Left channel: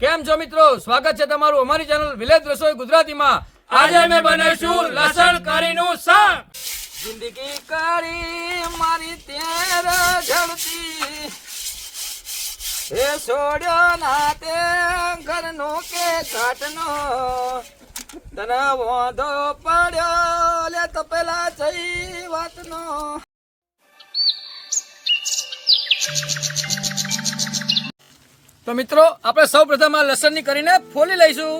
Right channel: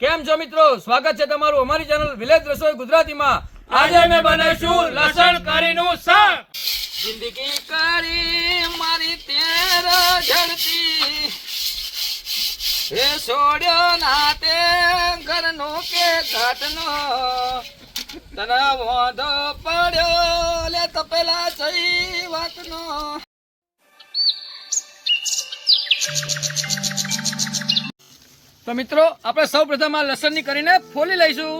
કેમ છો મિત્રો? સ્વાગત છે તમારું અમારી ચેનલ વિલેજ રસોઈ ગુજરાતીમાં. આજે અમે બનાવીશું લસણ કરીનું શાક. જિંદગી કરી મારી તેર જડતી, એ છોડ્યો ના તે ઘરનો કે ઘાટનો, તને વાંધો પડ્યો લે તો પેલા જઈ વાતનો. તો મિત્રો આપણે સૌ પ્રથમ આ લસણની કરીને ફોલી લઈશું.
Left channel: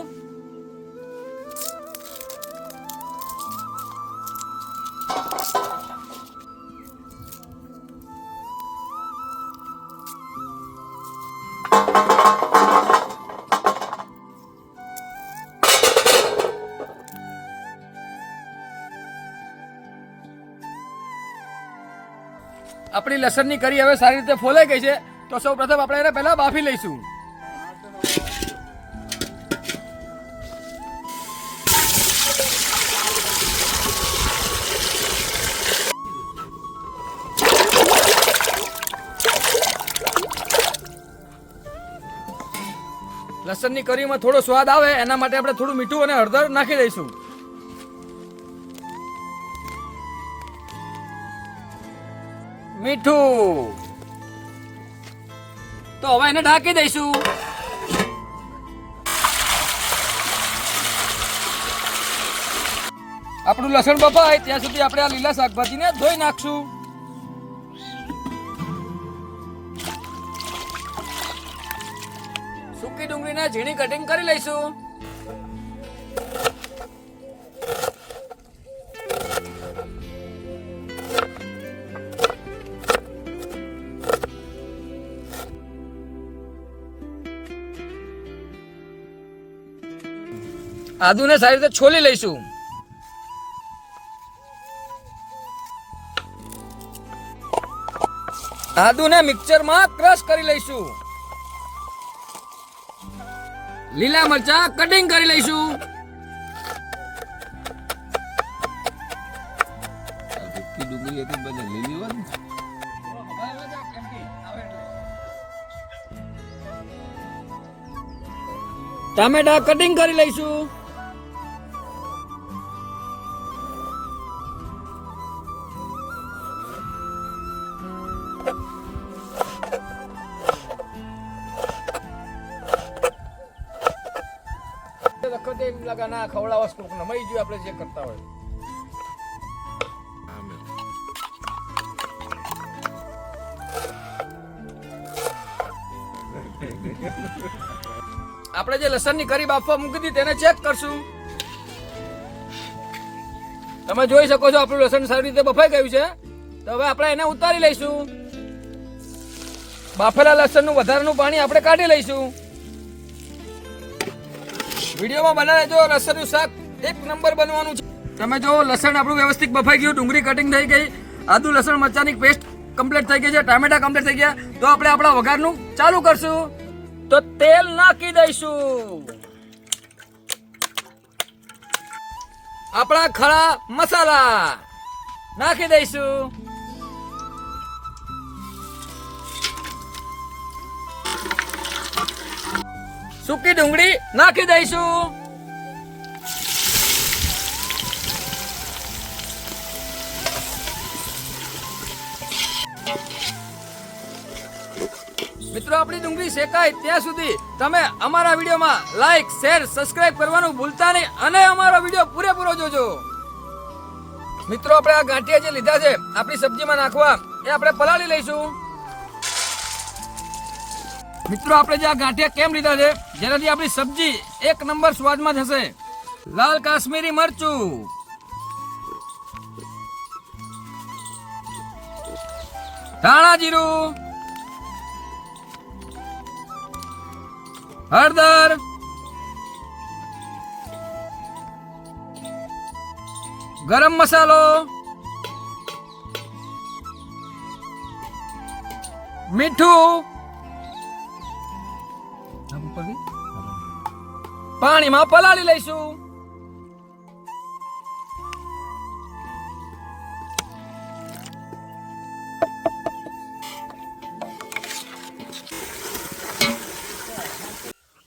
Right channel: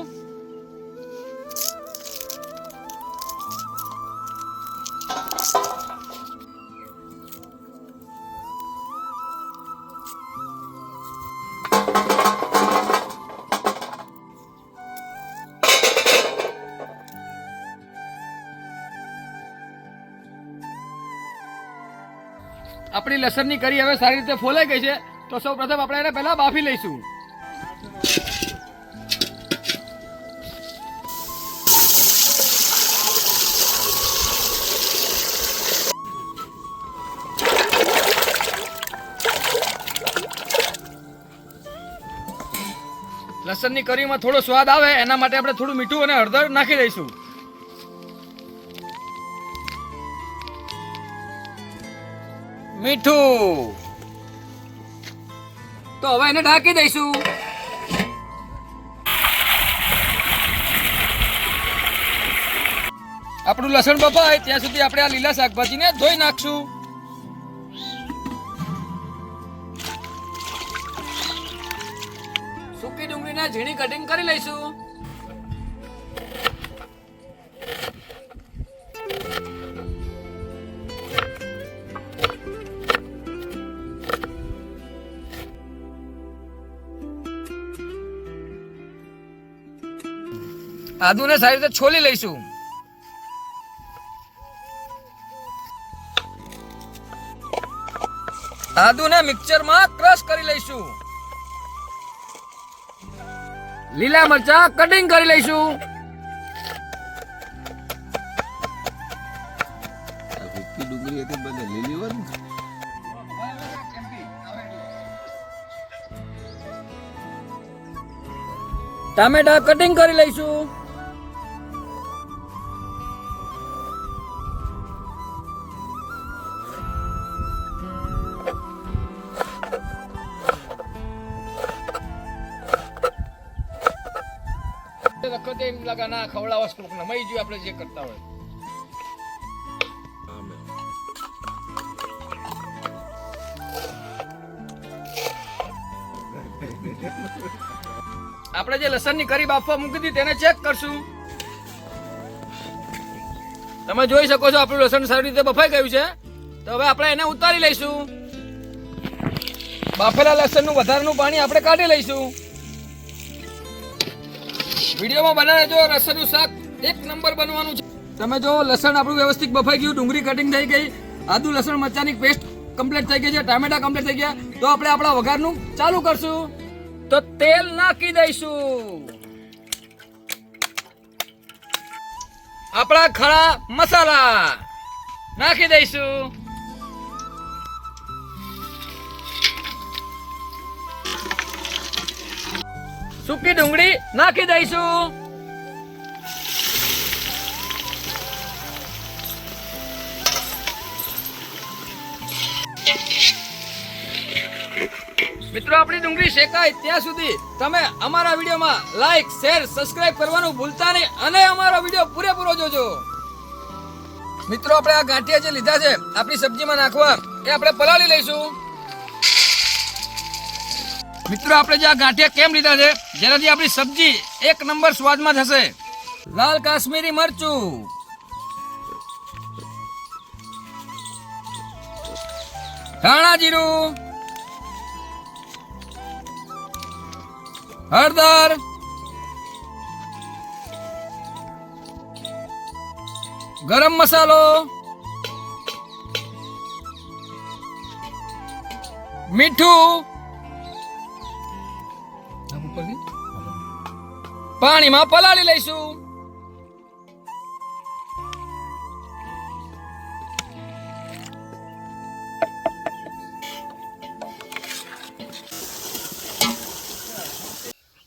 આપણી લસણની કરી હવે સારી રીતે ફોલાઈ ગઈ છે. તો સૌ પ્રથમ આપણે એને પહેલા બાફી લઈશું. લસણની કરીમાં થોડો સ્વાદ આવે એના માટે આપણે થોડું મીઠું અને હળદર નાખી દઈશું. મીઠું તો હવે એને ઢાંકી દઈશું. આપણું લસણ બફાય ત્યાં સુધી આપણે આ લીલા શાકભાજીને ધોઈ નાખશું. સૂકી ડુંગળીને ઝીણી કટિંગ કરી લઈશું. આદુને સારી રીતે છોલી લઈશું. આદુને મિક્સરમાં ક્રશ કરી લઈશું. લીલા મરચા કટિંગ કરી લઈશું. ટામેટા કટિંગ કરી લઈશું. વખતે એમ લાગે ના ખવડાવવા કોક નમાઈ ગયું આપણે જે કરતા હોય. આપણે જે લસણની કરી બાફવા મૂકી હતી તેને ચેક કરશું. તમે જોઈ શકો છો આપણું લસણ સારી રીતે બફાઈ ગયું છે. તો હવે આપણે એને ઉતારી લઈશું. બાફેલા લસણનું વધારાનું પાણી આપણે કાઢી લઈશું. વિડીયોમાં બનાવે જો લસણનું શાક એક નંબર બનવાનું છે. તમે જો લસણ આપણું વ્યવસ્થિત બફાઈ ગયું, ડુંગળી કટિંગ થઈ ગઈ, આદુ લસણ મરચાની પેસ્ટ કમ્પ્લીટ થઈ ગઈ છે, ટામેટા કમ્પ્લીટ થઈ ગયા. તો આપણે આપણા વઘારનું ચાલુ કરશું. તો તેલ નાખી દઈશું. આપણા ખડા મસાલા નાખી દઈશું. સૂકી ડુંગળી નાખી દઈશું. મિત્રો આપણી ડુંગળી શેકાય ત્યાં સુધી તમે અમારા વિડીયોમાં લાઈક, શેર, સબસ્ક્રાઇબ કરવાનું ભૂલતા નહીં અને અમારો વિડીયો પૂરેપૂરો જોજો. મિત્રો આપણે આ ગાંઠિયા જે લીધા છે આપણી સબ્જીમાં નાખવા, એ આપણે પલાળી લઈશું. મિત્રો આપણે જે આ ગાંઠિયા કેમ લીધા છે, જેનાથી આપણી સબ્જી એક નંબર સ્વાદમાં થશે. લાલ કાશ્મીરી મરચું, ધાણા જીરું, હળદર, ગરમ મસાલો, મીઠું, પાણીમાં પલાળી લઈશું.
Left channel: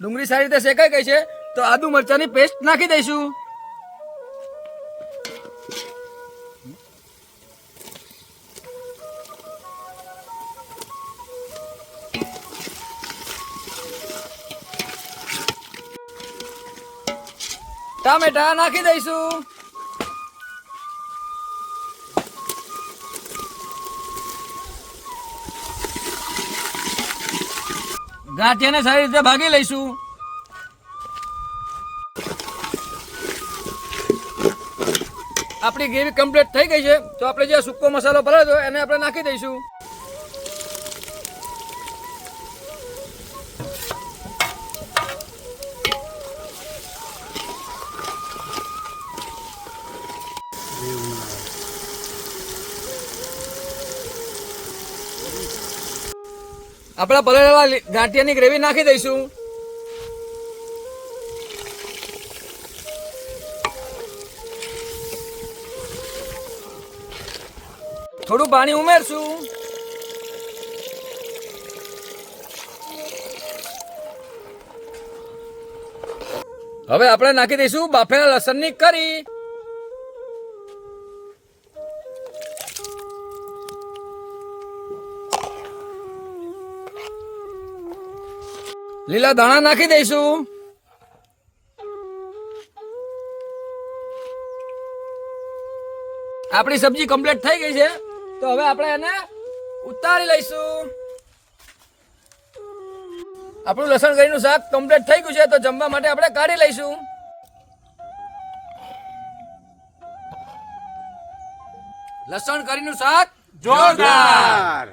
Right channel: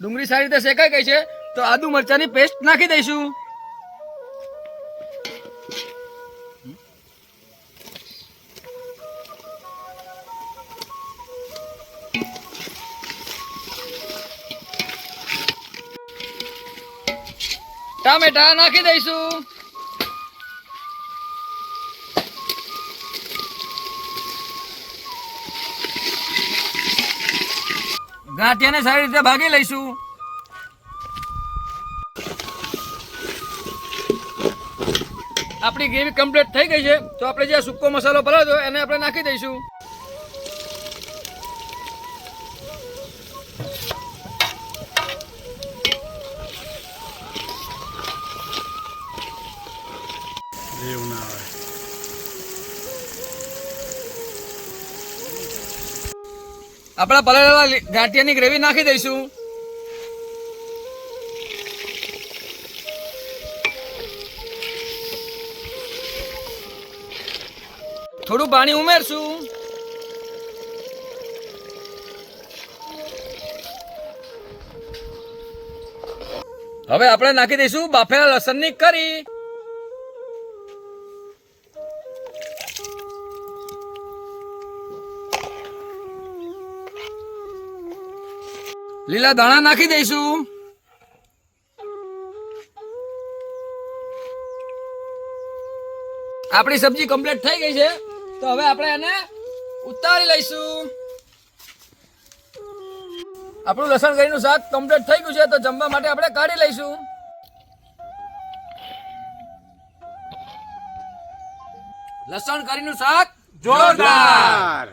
ડુંગળી સારી રીતે શેકાઈ ગઈ છે તો આદુ મરચાની પેસ્ટ નાખી દઈશું. ટામેટા નાખી દઈશું. ગાંઠિયાને સારી રીતે ભાગી લઈશું. આપણી ગ્રેવી કમ્પ્લીટ થઈ ગઈ છે તો આપણે જે સૂકો મસાલો ભર્યો હતો એને આપણે નાખી દઈશું. આપણે પલાળેલા ગાંઠિયાની ગ્રેવી નાખી દઈશું. થોડું પાણી ઉમેરશું. હવે આપણે નાખી દઈશું બાફેલા લસણની કરી. લીલા ધાણા નાખી દઈશું. આપણી સબ્જી કમ્પ્લીટ થઈ ગઈ છે તો હવે આપણે એને ઉતારી લઈશું. આપણું લસણ કરીનું શાક કમ્પ્લીટ થઈ ગયું છે તો જમવા માટે આપણે કાઢી લઈશું. લસણ કરીનું શાક જોરદાર.